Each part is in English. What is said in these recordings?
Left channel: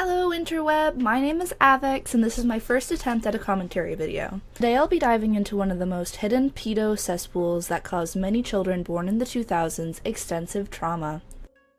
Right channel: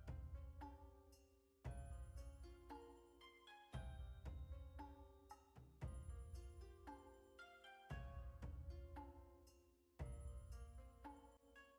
Hello interweb, my name is Avex and this is my first attempt at a commentary video. Today I'll be diving into one of the most hidden pedo cesspools that caused many children born in the 2000s extensive trauma.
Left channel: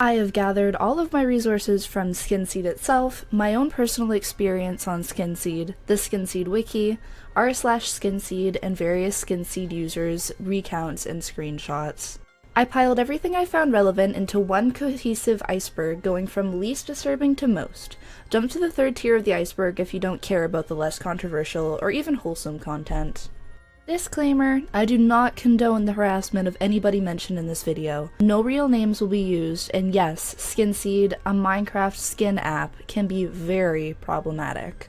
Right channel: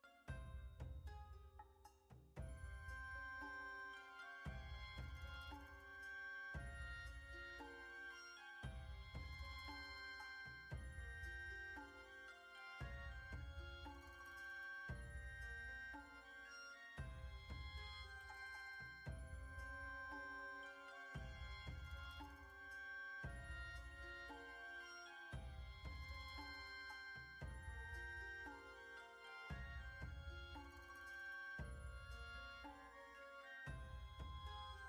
I have gathered all of my resources from Skinseed itself, my own personal experience on Skinseed, the Skinseed wiki, r/Skinseed, and various Skinseed users' recounts and screenshots. I piled everything I found relevant into one cohesive iceberg, going from least disturbing to most. Jump to the third tier of the iceberg if you don't care about the less controversial or even wholesome content. Disclaimer, I do not condone the harassment of anybody mentioned in this video. No real names will be used, and yes, Skinseed, a Minecraft skin app, can be very problematic.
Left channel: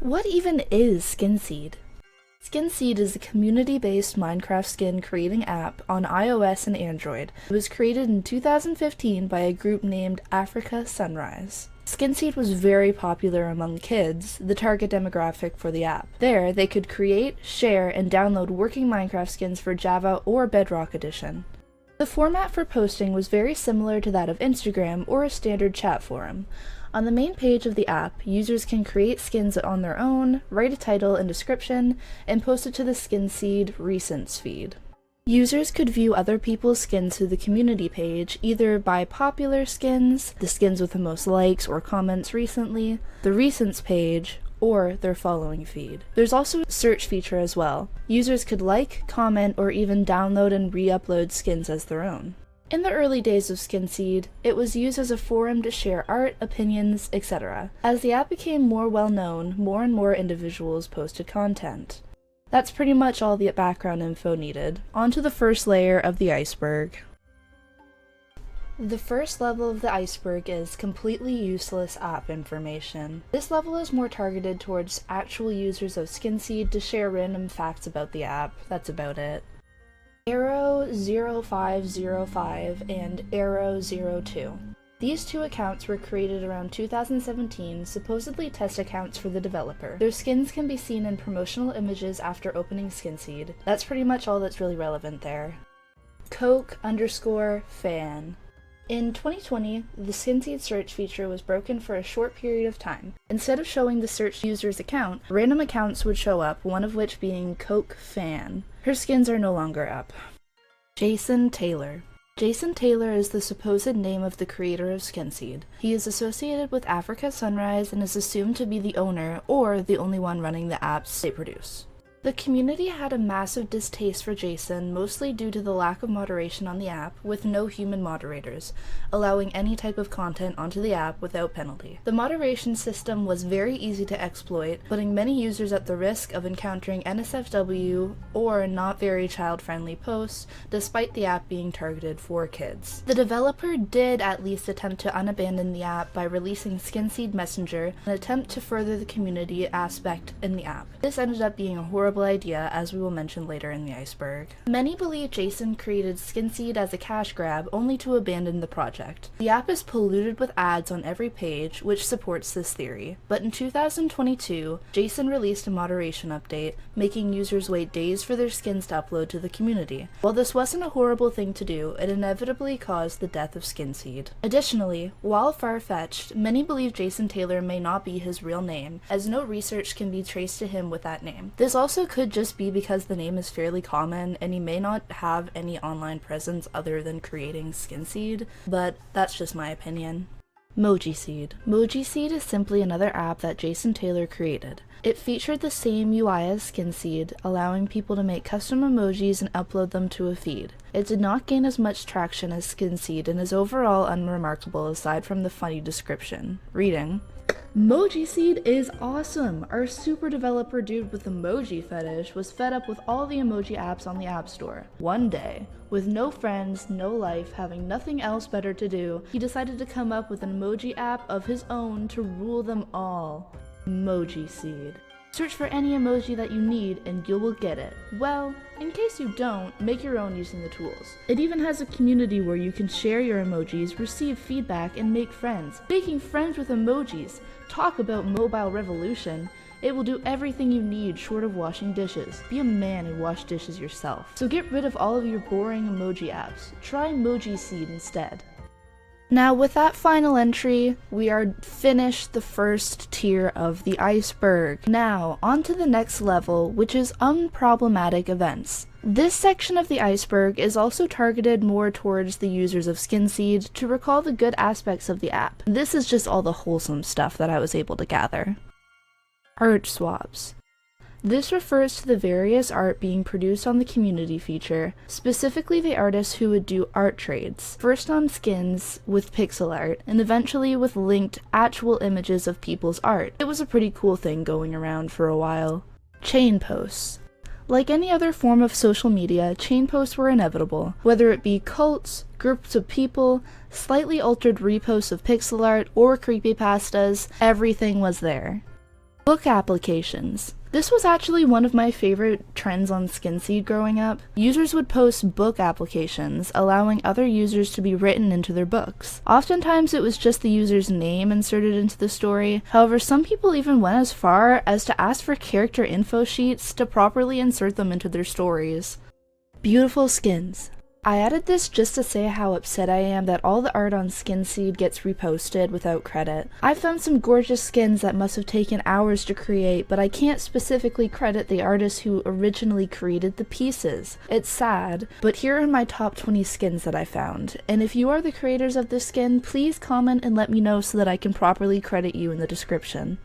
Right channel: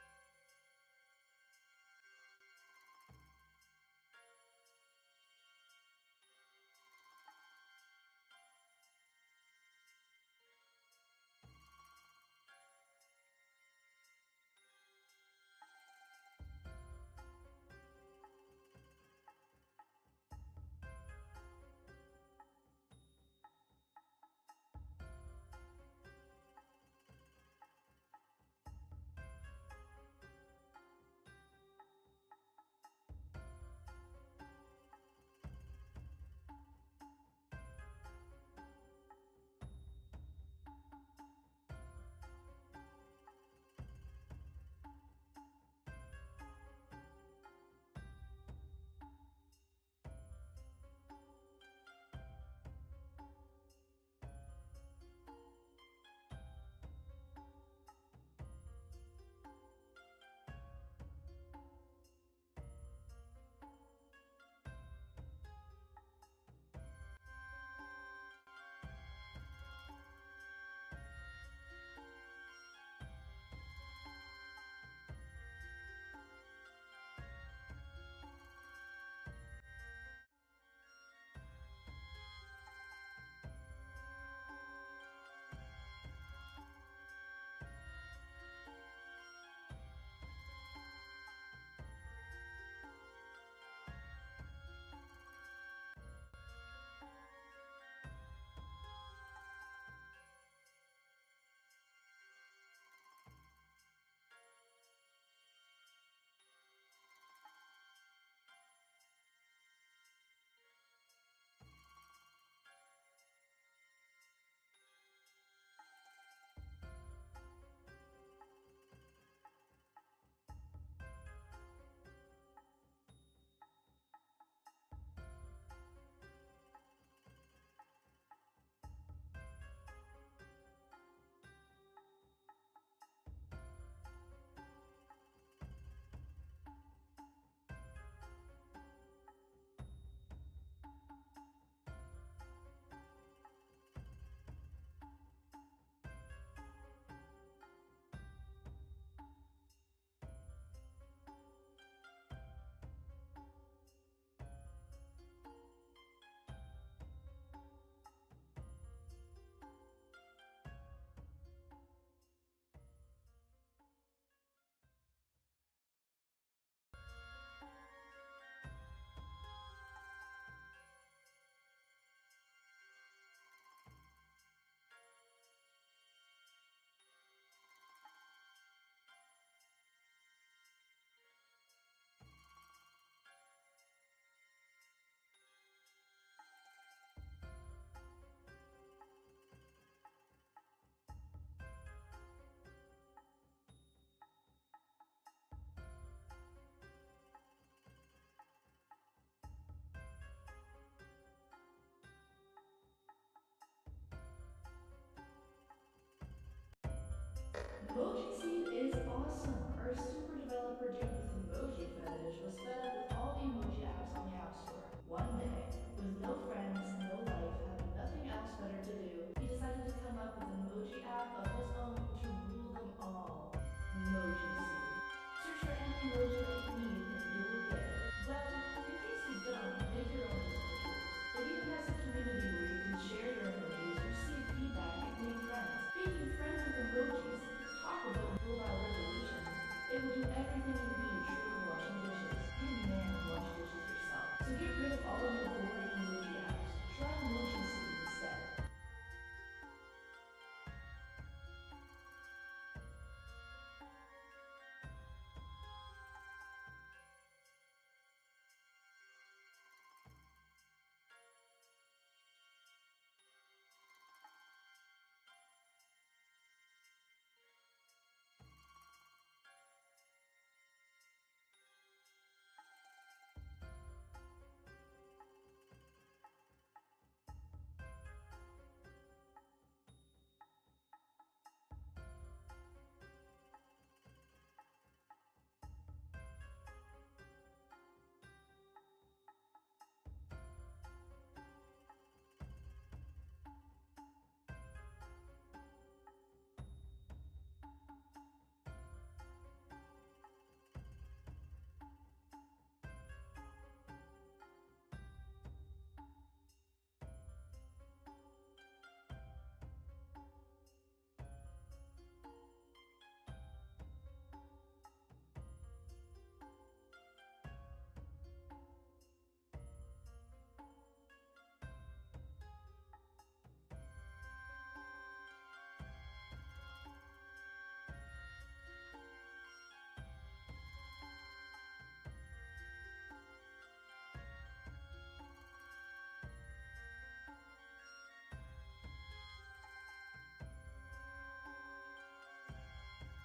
What even is Skinseed? Skinseed is a community-based Minecraft skin creating app on iOS and Android. It was created in 2015 by a group named Africa Sunrise. Skinseed was very popular among kids, the target demographic for the app. There, they could create, share, and download working Minecraft skins for Java or Bedrock Edition. The format for posting was very similar to that of Instagram or a standard chat forum. On the main page of the app, users can create skins on their own, write a title and description, and post it to the Skinseed Recents feed. Users could view other people's skins through the community page, either by popular skins, the skins with the most likes or comments recently, the Recents page, or their following feed. There's also a search feature as well. Users could like, comment, or even download and re-upload skins as their own. In the early days of Skinseed, it was used as a forum to share art, opinions, etc. As the app became more well-known, more and more individuals posted content. That's pretty much all the background info needed. On to the first layer of the iceberg. The first level of the iceberg is completely useless app information. This level is more targeted towards actual users of Skinseed to share random facts about the app. That's about it. Arrow0505 and Arrow02. These two accounts were created around 2017, supposedly test accounts for the developer. Their skins can be seen in promotional images after opening Skinseed. That's pretty much all that's really relevant there. Coke_fan. In 2020, the Skinseed search feature was broken for a short period of time. Instead of showing the search user's account, random accounts would show up, one of which being Coke Fan. Her skins are no longer up. Jason Taylor. Jason Taylor is the supposed name of the creator of Skinseed. He is associated with Africa Sunrise and is assumed to be the owner or the only one running the apps they produce. The community had a massive distaste for Jason, mostly due to the lack of moderation on the app, with no human moderators, allowing any type of content onto the app without penalty. The moderation system was very easy to exploit, putting many users at the risk of encountering NSFW or not very child-friendly posts, despite the app being targeted for kids. The developer did at least attempt to unabandon the app by releasing Skinseed Messenger, an attempt to further the community aspect in the app. This ended up being a horrible idea, as we will mention later in the iceberg. Many believe Jason created Skinseed as a cash grab only to abandon the project. The app is polluted with ads on every page, which supports this theory. But in 2022, Jason released a moderation update, making users wait days for their skins to upload to the community. While this wasn't a horrible thing to do, it inevitably caused the death of Skinseed. Additionally, while far-fetched, many believe Jason Taylor may not be his real name, as no research can be traced to him with that name. This also could just be because the name is fairly common and he may not have any online presence other than creating Skinseed, but that's just my opinion. Mojiseed. Mojiseed is simply another app that Jason Taylor created. It featured the same UI as Skinseed, allowing people to make custom emojis and upload them to a feed. It did not gain as much traction as Skinseed and is overall unremarkable aside from the funny description. Reading: Mojiseed is awesome! Our super developer dude with emoji fetish was fed up with all the emoji apps on the App Store. One day, with no friends, no life, having nothing else better to do, he decided to come up with an emoji app of his own to rule them all. Mojiseed. Search for any emoji that you need and you will get it. Well, in case you don't, make your own using the tools. It even has a community where you can share your emojis, receive feedback, and make friends. Making friends with emojis. Talk about mobile revolution. It will do everything you need short of washing dishes. Be a man and wash dishes yourself. So get rid of all of your boring emoji apps. Try Mojiseed instead. Now with that final entry, we are finished the first tier of the iceberg. Now, on to the next level, which is unproblematic events. This section of the iceberg is also targeted more towards the users of Skinseed to recall the good aspects of the app. This is just all the wholesome stuff that I was able to gather. Art swaps. This refers to the various art being produced on the community feature, specifically the artists who would do art trades, first on skins with pixel art, and eventually with linked actual images of people's art. It was a pretty cool thing going around for a while. Chain posts. Like any other form of social media, chain posts were inevitable, whether it be cults, groups of people, slightly altered reposts of pixel art, or creepypastas, everything was there. Book applications. This was actually one of my favorite trends on Skinseed growing up. Users would post book applications, allowing other users to be written into their books. Oftentimes it was just the user's name inserted into the story, however some people even went as far as to ask for character info sheets to properly insert them into their stories. Beautiful skins. I added this just to say how upset I am that all the art on Skinseed gets reposted without credit. I found some gorgeous skins that must have taken hours to create, but I can't specifically credit the artist who originally created the pieces. It's sad, but here are my top 20 skins that I found, and if you are the creators of this skin, please comment and let me know so that I can properly credit you in the description.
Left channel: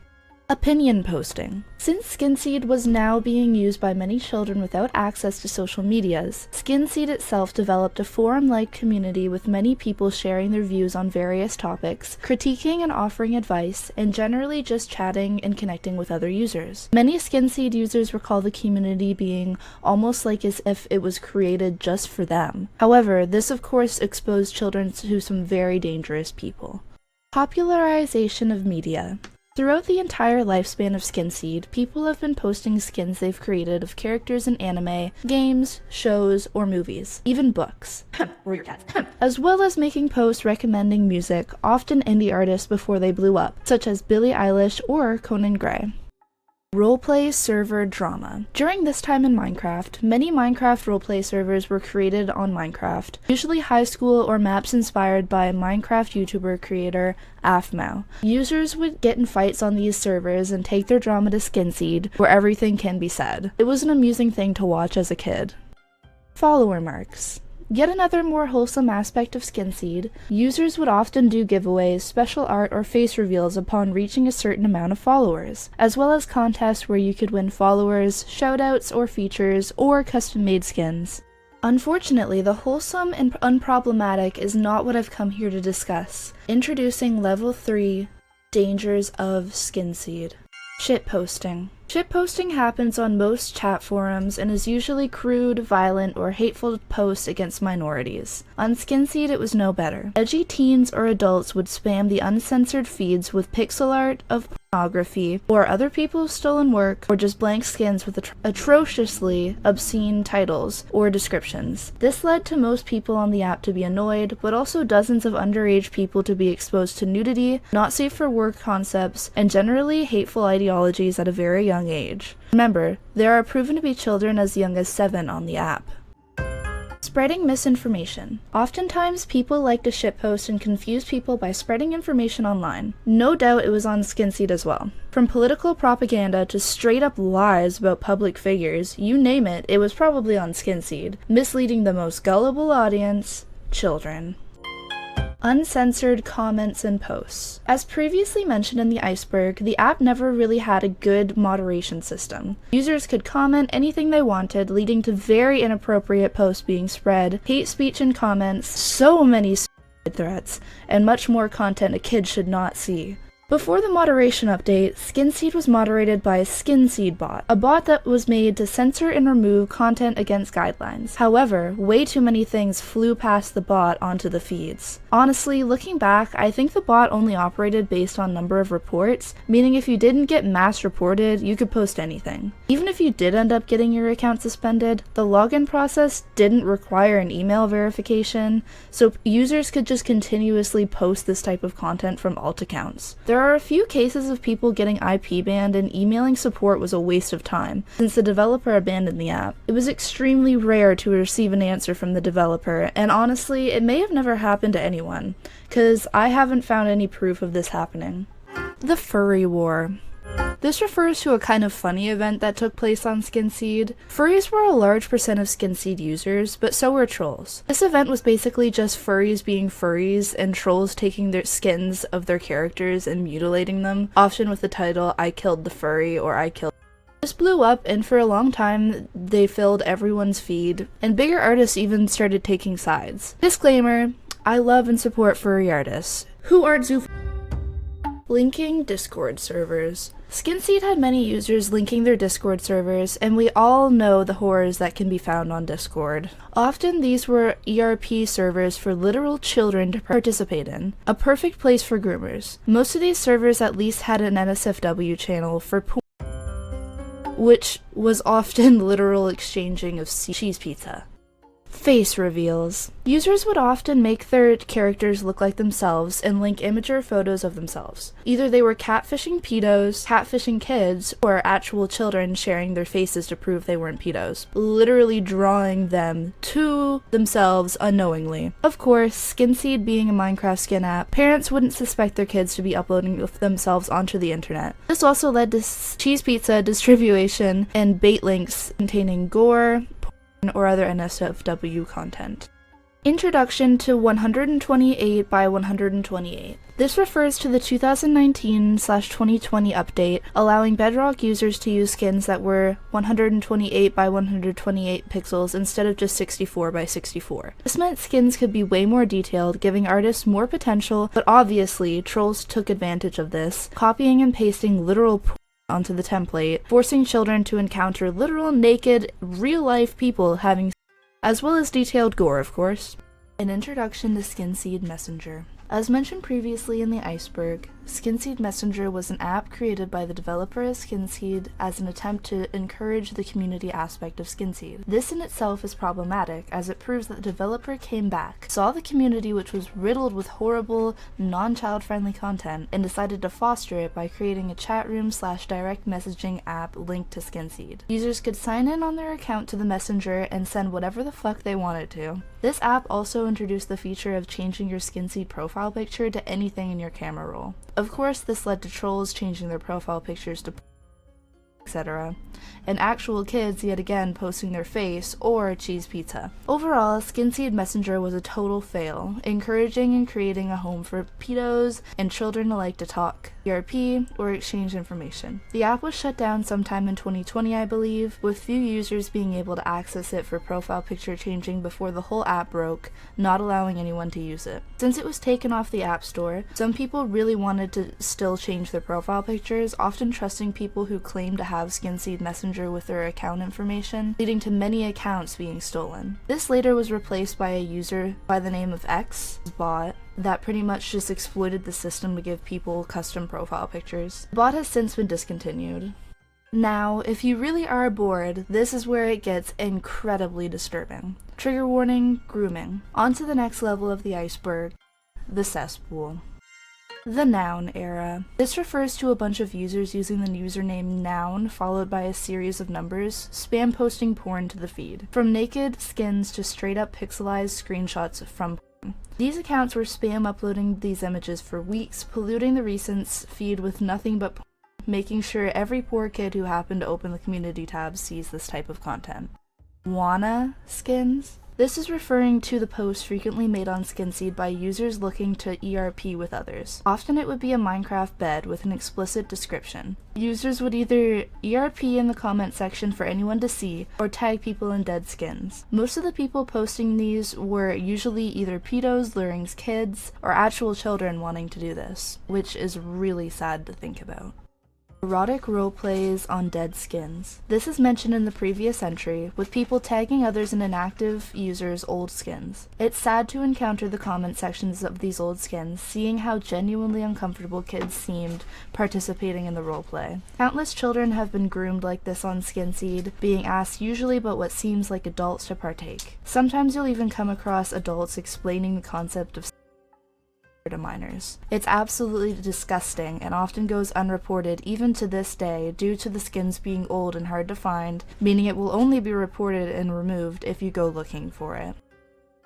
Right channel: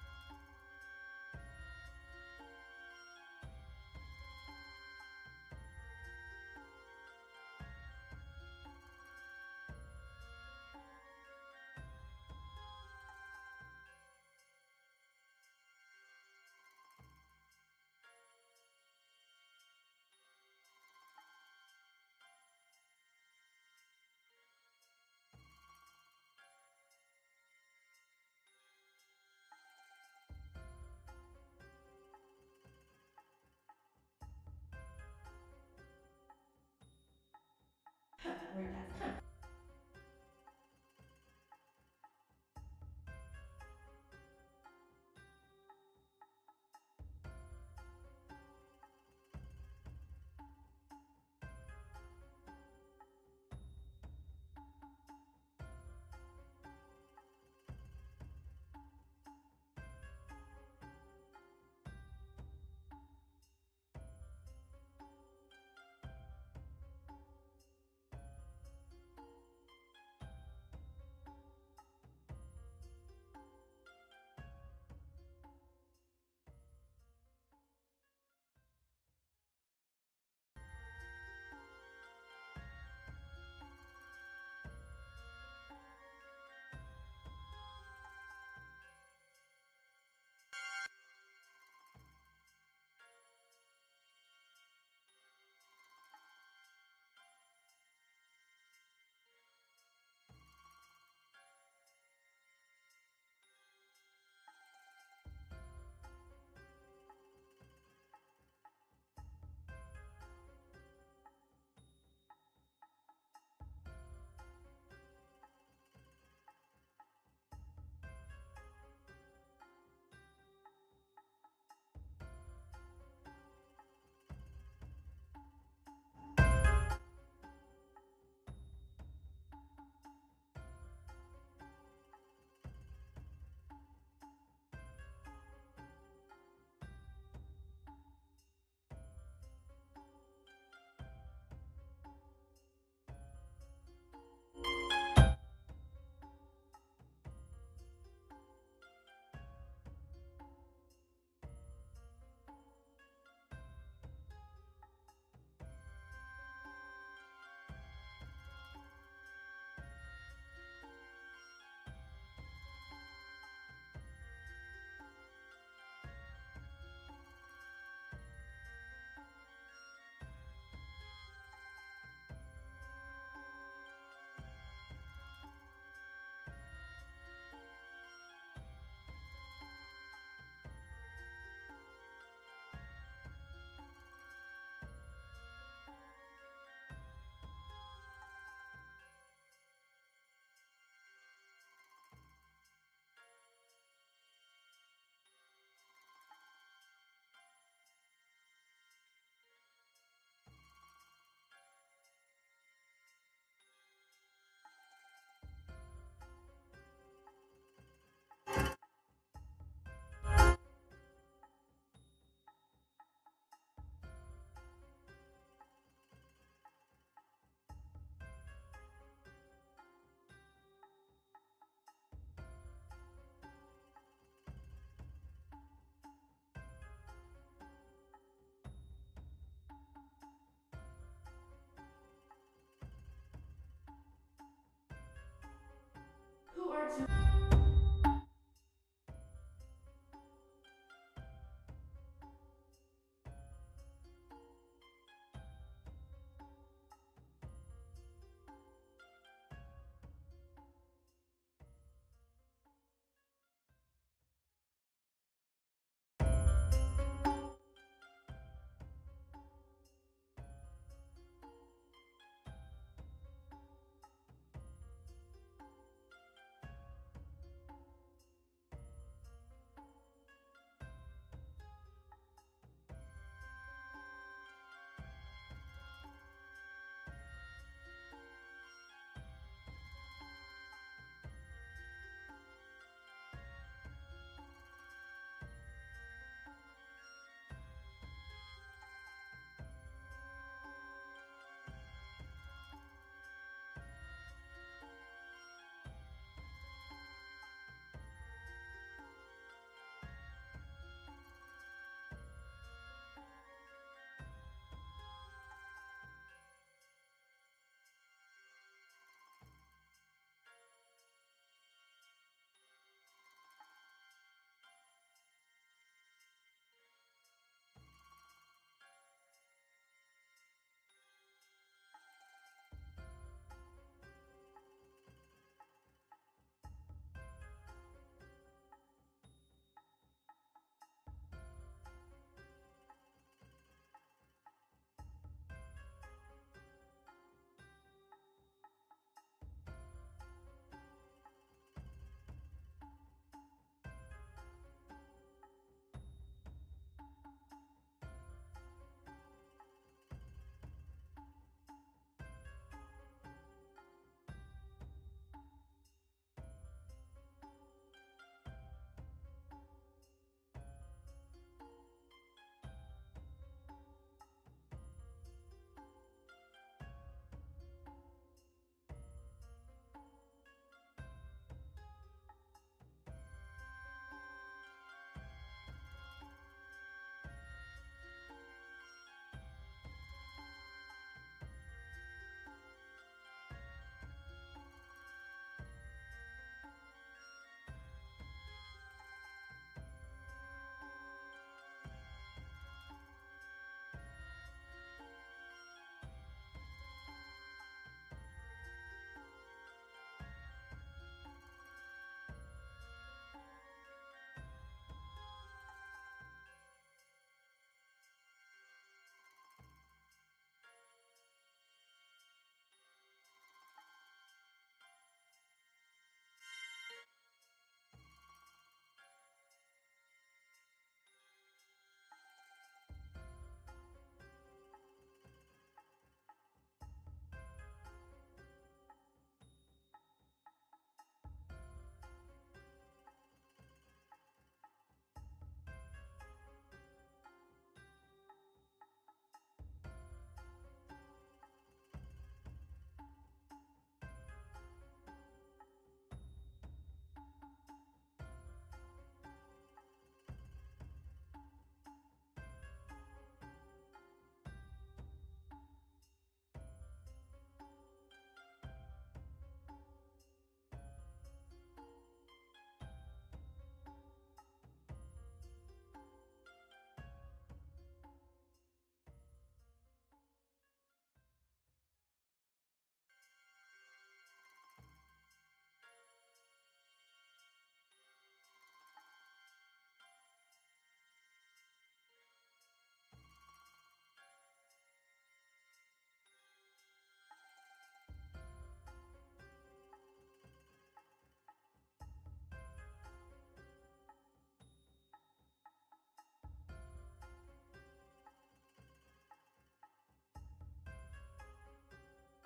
Opinion posting. Since Skinseed was now being used by many children without access to social medias, Skinseed itself developed a forum-like community with many people sharing their views on various topics, critiquing and offering advice, and generally just chatting and connecting with other users. Many Skinseed users recall the community being almost like as if it was created just for them. However, this of course exposed children to some very dangerous people. Popularization of media. Throughout the entire lifespan of Skinseed, people have been posting skins they've created of characters in anime, games, shows, or movies, even books, as well as making posts recommending music, often indie artists before they blew up, such as Billie Eilish or Conan Gray. Roleplay server drama. During this time in Minecraft, many Minecraft roleplay servers were created on Minecraft, usually high school or maps inspired by Minecraft YouTuber creator Afmao. Users would get in fights on these servers and take their drama to Skinseed, where everything can be said. It was an amusing thing to watch as a kid. Follower marks. Yet another more wholesome aspect of Skinseed, users would often do giveaways, special art, or face reveals upon reaching a certain amount of followers, as well as contests where you could win followers, shoutouts, or features, or custom-made skins. Unfortunately, the wholesome and unproblematic is not what I've come here to discuss. Introducing Level 3, Dangers of Skinseed. Shitposting. Shitposting happens on most chat forums and is usually crude, violent, or hateful posts against minorities. On Skinseed it was no better. Edgy teens or adults would spam the uncensored feeds with pixel art of pornography, or other people's stolen work, or just blank skins with atrociously obscene titles or descriptions. This led to most people on the app to be annoyed, but also dozens of underage people to be exposed to nudity, not safe for work concepts, and generally hateful ideologies at a very young age. Remember, there are proven to be children as young as 7 on the app. Spreading misinformation. Oftentimes, people like to shitpost and confuse people by spreading information online. No doubt it was on Skinseed as well. From political propaganda to straight-up lies about public figures, you name it, it was probably on Skinseed, misleading the most gullible audience, children. Uncensored comments and posts. As previously mentioned in the Iceberg, the app never really had a good moderation system. Users could comment anything they wanted, leading to very inappropriate posts being spread, hate speech in comments, so many threats, and much more content a kid should not see. Before the moderation update, Skinseed was moderated by a Skinseed bot, a bot that was made to censor and remove content against guidelines. However, way too many things flew past the bot onto the feeds. Honestly, looking back, I think the bot only operated based on number of reports, meaning if you didn't get mass reported, you could post anything. Even if you did end up getting your account suspended, the login process didn't require an email verification, so users could just continuously post this type of content from alt accounts. There are a few cases of people getting IP banned, and emailing support was a waste of time, since the developer abandoned the app. It was extremely rare to receive an answer from the developer, and honestly, it may have never happened to anyone, cause I haven't found any proof of this happening. The Furry War. This refers to a kind of funny event that took place on Skinseed. Furries were a large percent of Skinseed users, but so were trolls. This event was basically just furries being furries and trolls taking their skins of their characters and mutilating them, often with the title, "I killed the furry" or "I killed." This blew up, and for a long time they filled everyone's feed, and bigger artists even started taking sides. Disclaimer, I love and support furry artists. Who art zoo? Linking Discord servers. Skinseed had many users linking their Discord servers, and we all know the horrors that can be found on Discord. Often these were ERP servers for literal children to participate in, a perfect place for groomers. Most of these servers at least had an NSFW channel for porn, which was often literal exchanging of cheese pizza. Face reveals. Users would often make their characters look like themselves and link imager photos of themselves. Either they were catfishing pedos, catfishing kids, or actual children sharing their faces to prove they weren't pedos, literally drawing them to themselves unknowingly. Of course, Skinseed being a Minecraft skin app, parents wouldn't suspect their kids to be uploading themselves onto the internet. This also led to cheese pizza distribution and bait links containing gore, or other NSFW content. Introduction to 128 by 128. This refers to the 2019/2020 update, allowing Bedrock users to use skins that were 128 by 128 pixels instead of just 64 by 64. This meant skins could be way more detailed, giving artists more potential, but obviously, trolls took advantage of this, copying and pasting literal onto the template, forcing children to encounter literal naked, real-life people having, as well as detailed gore, of course. An introduction to Skinseed Messenger. As mentioned previously in the Iceberg, Skinseed Messenger was an app created by the developer of Skinseed as an attempt to encourage the community aspect of Skinseed. This in itself is problematic, as it proves that the developer came back, saw the community which was riddled with horrible, non-child-friendly content, and decided to foster it by creating a chat room/direct messaging app linked to Skinseed. Users could sign in on their account to the messenger and send whatever the fuck they wanted to. This app also introduced the feature of changing your Skinseed profile picture to anything in your camera roll. Of course, this led to trolls changing their profile pictures to etc., and actual kids yet again posting their face or cheese pizza. Overall, Skinseed Messenger was a total fail, encouraging and creating a home for pedos and children alike to talk, ERP, or exchange information. The app was shut down sometime in 2020, I believe, with few users being able to access it for profile picture changing before the whole app broke, not allowing anyone to use it. Since it was taken off the App Store, some people really wanted to still change their profile pictures, often trusting people who claim to have Skinseed Messenger with their account information, leading to many accounts being stolen. This later was replaced by a user by the name of X, bot, that pretty much just exploited the system to give people custom profile pictures. The bot has since been discontinued. Now, if you really are bored, this is where it gets incredibly disturbing. Trigger warning, grooming. On to the next level of the iceberg, the cesspool. The noun era. This refers to a bunch of users using the username noun followed by a series of numbers, spam posting porn to the feed. From naked skins to straight up pixelized screenshots from porn. These accounts were spam uploading these images for weeks, polluting the recents feed with nothing but porn, making sure every poor kid who happened to open the community tab sees this type of content. Wanna skins? This is referring to the posts frequently made on Skinseed by users looking to ERP with others. Often it would be a Minecraft bed with an explicit description. Users would either ERP in the comment section for anyone to see, or tag people in dead skins. Most of the people posting these were usually either pedos luring kids, or actual children wanting to do this, which is really sad to think about. Erotic roleplays on dead skins. This is mentioned in the previous entry, with people tagging others in inactive users' old skins. It's sad to encounter the comment sections of these old skins, seeing how genuinely uncomfortable kids seemed participating in the roleplay. Countless children have been groomed like this on Skinseed, being asked usually but what seems like adults to partake. Sometimes you'll even come across adults explaining the concept of to minors. It's absolutely disgusting and often goes unreported even to this day due to the skins being old and hard to find, meaning it will only be reported and removed if you go looking for it.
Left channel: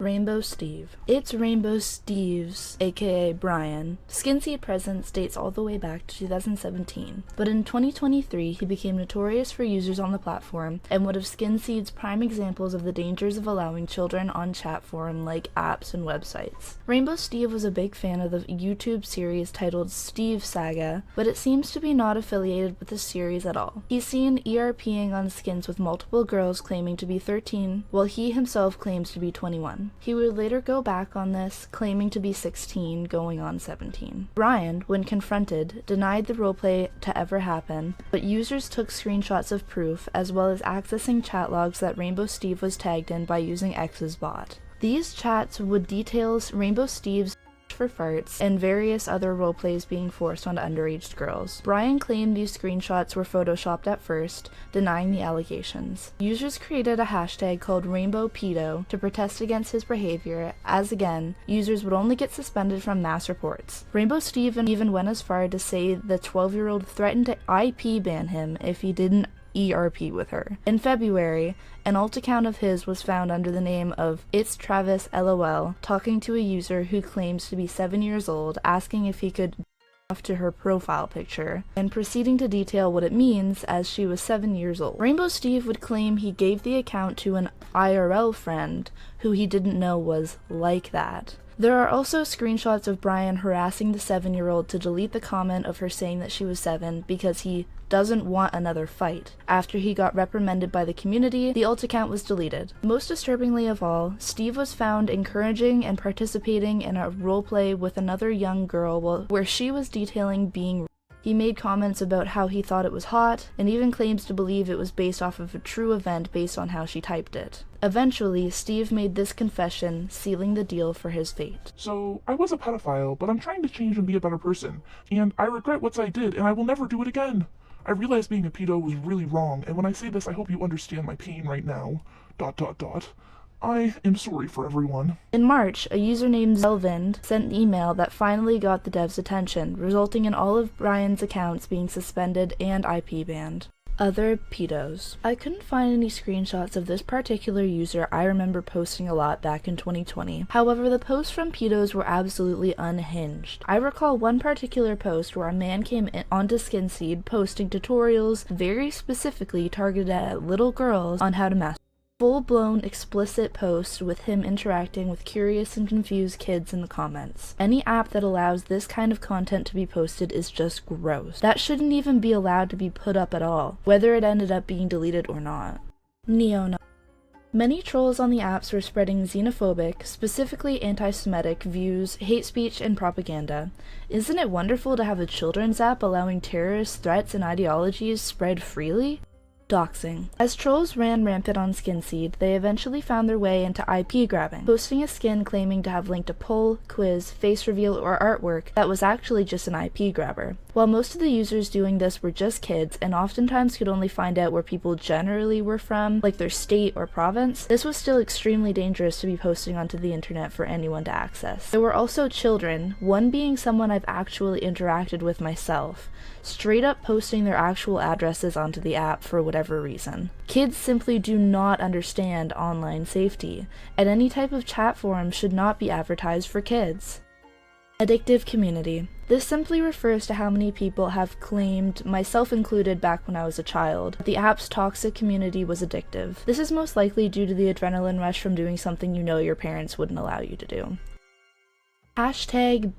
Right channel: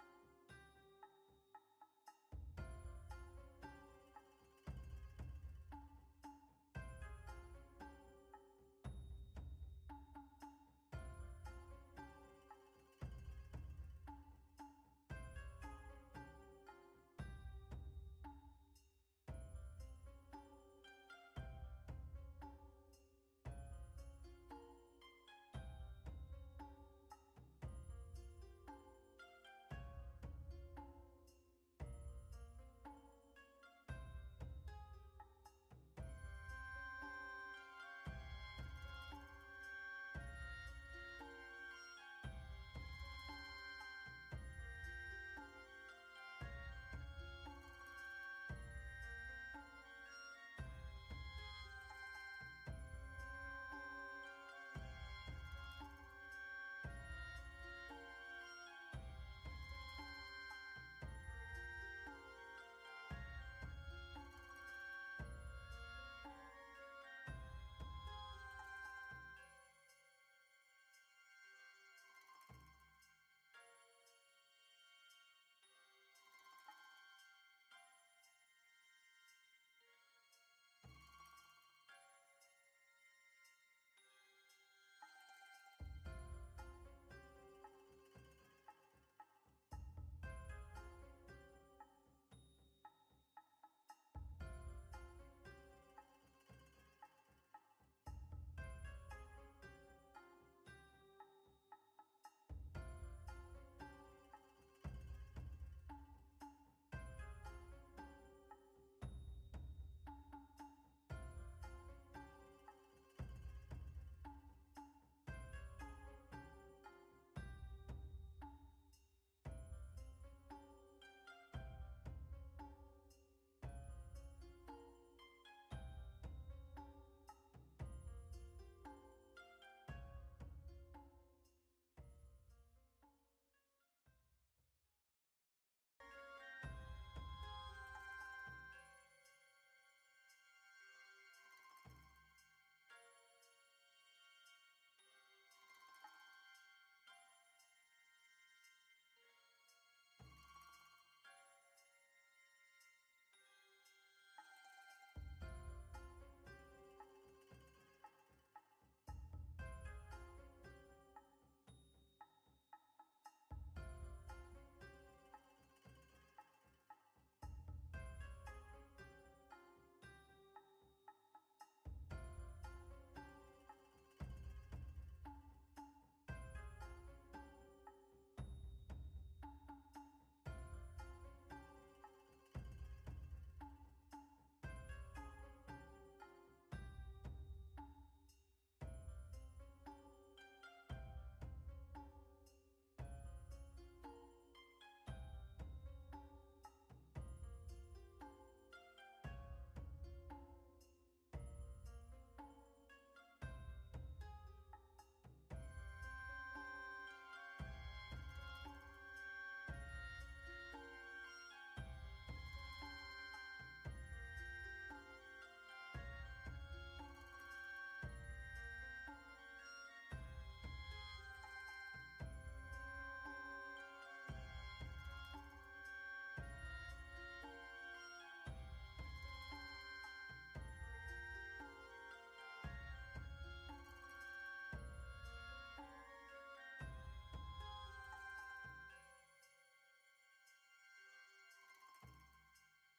Rainbow Steve. It's Rainbow Steve's, aka Brian. Skinseed presence dates all the way back to 2017, but in 2023 he became notorious for users on the platform and one of Skinseed's prime examples of the dangers of allowing children on chat forum like apps and websites. Rainbow Steve was a big fan of the YouTube series titled Steve Saga, but it seems to be not affiliated with the series at all. He's seen ERPing on skins with multiple girls claiming to be 13, while he himself claims to be 21. He would later go back on this, claiming to be 16, going on 17. Brian, when confronted, denied the roleplay to ever happen, but users took screenshots of proof, as well as accessing chat logs that Rainbow Steve was tagged in by using X's bot. These chats would detail Rainbow Steve's for farts and various other roleplays being forced on underage girls. Brian claimed these screenshots were photoshopped at first, denying the allegations. Users created a hashtag called RainbowPedo to protest against his behavior, as again, users would only get suspended from mass reports. Rainbow Steve even went as far to say the 12-year-old threatened to IP ban him if he didn't ERP with her. In February, an alt account of his was found under the name of It's Travis LOL, talking to a user who claims to be 7 years old, asking if he could off to her profile picture, and proceeding to detail what it means as she was 7 years old. Rainbow Steve would claim he gave the account to an IRL friend who he didn't know was like that. There are also screenshots of Brian harassing the 7-year-old to delete the comment of her saying that she was 7 because he doesn't want another fight. After he got reprimanded by the community, the alt account was deleted. Most disturbingly of all, Steve was found encouraging and participating in a roleplay with another young girl where she was detailing being. He made comments about how he thought it was hot, and even claims to believe it was based off of a true event based on how she typed it. Eventually, Steve made this confession, sealing the deal for his fate. So, I was a pedophile, but I'm trying to change and be a better person, and I regret what I did, and I will never do it again. I realized being a pedo was really wrong, and when I say this, I hope you understand my pain right now. ... I am sorry for everyone. In March, a user named Zelvind sent an email that finally got the devs' attention, resulting in all of Brian's accounts being suspended and IP banned. Other pedos. I couldn't find any screenshots of this particular user I remember posting a lot back in 2020. However, the posts from pedos were absolutely unhinged. I recall one particular post where a man came onto Skinseed posting tutorials very specifically targeted at little girls on how to masturbate. Full-blown explicit post with him interacting with curious and confused kids in the comments. Any app that allows this kind of content to be posted is just gross. That shouldn't even be allowed to be put up at all, whether it ended up being deleted or not. Neo-Nazi. Many trolls on the apps were spreading xenophobic, specifically anti-Semitic, views, hate speech, and propaganda. Isn't it wonderful to have a children's app allowing terrorist threats and ideologies spread freely? Doxing. As trolls ran rampant on Skinseed, they eventually found their way into IP grabbing, posting a skin claiming to have linked a poll, quiz, face reveal, or artwork that was actually just an IP grabber. While most of the users doing this were just kids, and oftentimes could only find out where people generally were from, like their state or province, this was still extremely dangerous to be posting onto the internet for anyone to access. There were also children, one being someone I've actually interacted with myself, straight up posting their actual addresses onto the app for whatever reason. Kids simply do not understand online safety, and any type of chat forum should not be advertised for kids. Addictive community. This simply refers to how many people have claimed, myself included back when I was a child, that the app's toxic community was addictive. This is most likely due to the adrenaline rush from doing something you know your parents wouldn't allow you to do. Hashtag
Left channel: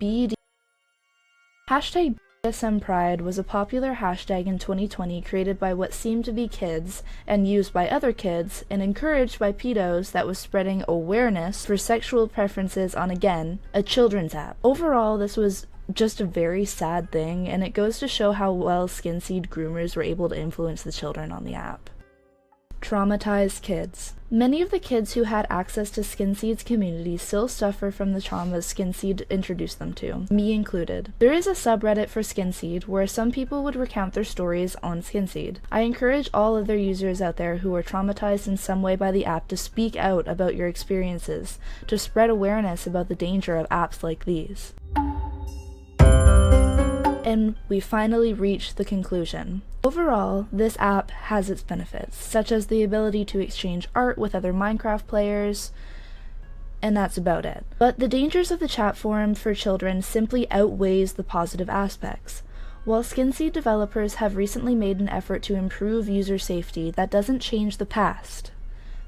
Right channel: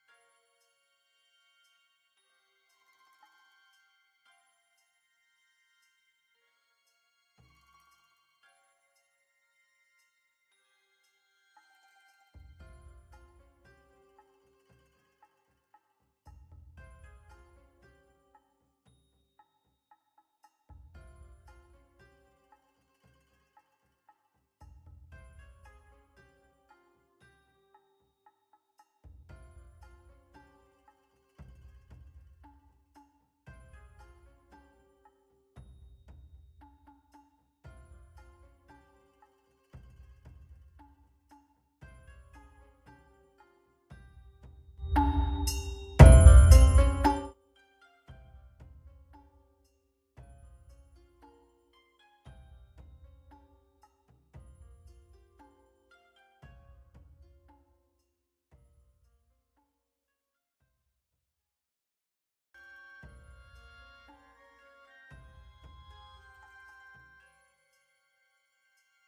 BDSM Pride was a popular hashtag in 2020 created by what seemed to be kids and used by other kids and encouraged by pedos that was spreading awareness for sexual preferences on, again, a children's app. Overall, this was just a very sad thing, and it goes to show how well Skinseed groomers were able to influence the children on the app. Traumatized kids. Many of the kids who had access to Skinseed's community still suffer from the traumas Skinseed introduced them to, me included. There is a subreddit for Skinseed where some people would recount their stories on Skinseed. I encourage all other users out there who are traumatized in some way by the app to speak out about your experiences, to spread awareness about the danger of apps like these. And we finally reached the conclusion. Overall, this app has its benefits, such as the ability to exchange art with other Minecraft players, and that's about it. But the dangers of the chat forum for children simply outweighs the positive aspects. While Skinseed developers have recently made an effort to improve user safety, that doesn't change the past.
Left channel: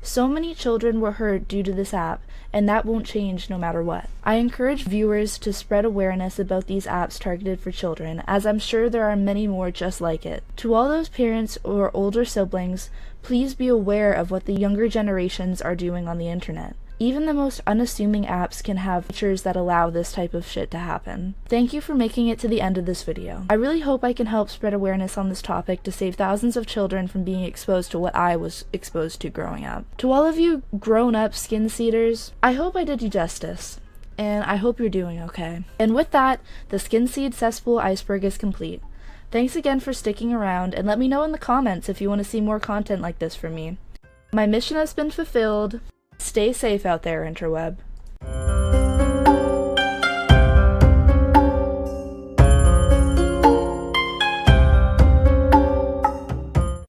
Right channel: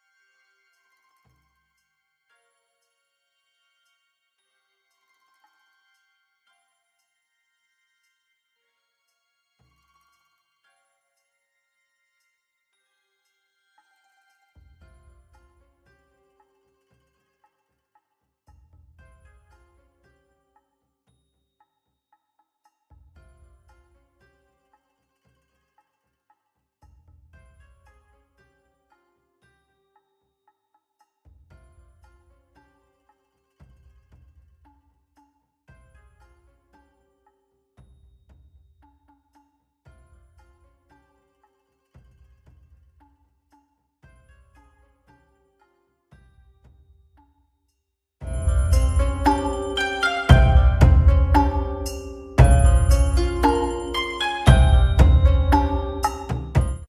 So many children were hurt due to this app, and that won't change no matter what. I encourage viewers to spread awareness about these apps targeted for children, as I'm sure there are many more just like it. To all those parents or older siblings, please be aware of what the younger generations are doing on the internet. Even the most unassuming apps can have features that allow this type of shit to happen. Thank you for making it to the end of this video. I really hope I can help spread awareness on this topic to save thousands of children from being exposed to what I was exposed to growing up. To all of you grown-up Skinseeders, I hope I did you justice, and I hope you're doing okay. And with that, the Skinseed cesspool iceberg is complete. Thanks again for sticking around, and let me know in the comments if you want to see more content like this from me. My mission has been fulfilled. Stay safe out there, interweb.